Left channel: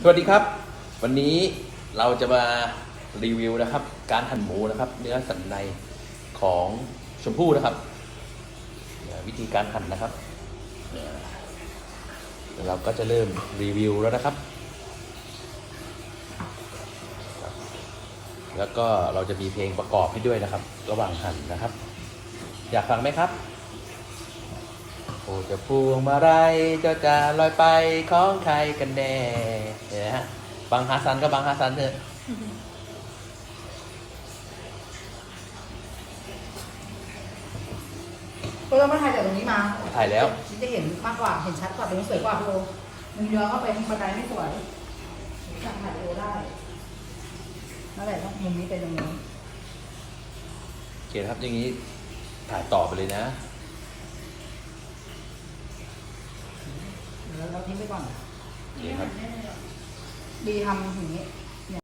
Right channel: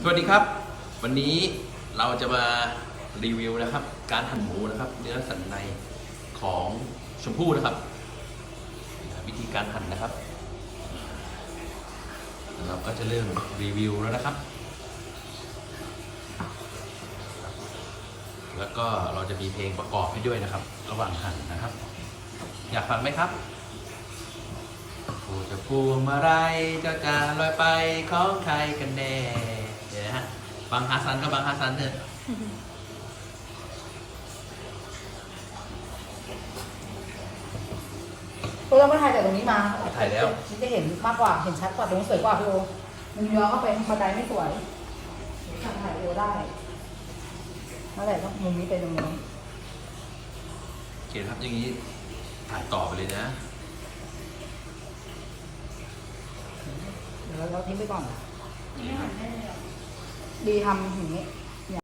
สวัสดีครับ วันนี้เราจะมารีวิวนะครับ การหั่นหมูนะครับ เนื้อสันในของชมพู่นะครับ วิธีการหั่นนะครับเราก็จะเริ่มรีวิวแล้วนะครับ แล้วก็เราจะมีเพลงประกอบให้ด้วยนะครับ ระหว่างหั่นนะครับ อยากฟังไหมครับโอ้จะพวงมาลัยเจะจะลอยไปของใครกันแน่ ฮะบางฮาซันก็บางฮาซันเถอะก็เรามาถ่ายจากตรงนี้มาถ่ายแล้วฉันจะเห็นมากกว่า เห็นชัดกว่าตรงนี้สวยกว่าพี่โอมันย้อนเข้าไปบันไดไม่สวยถ่ายวิดีโอได้นั่นแหละต้องมุมนี้ไปตรงนี้โอเคครับอย่างนี้ถ่ายต่อไปเลยนะเดี๋ยวเราทิ้งไปก่อนนี่ค รับดีทำอย่างนี้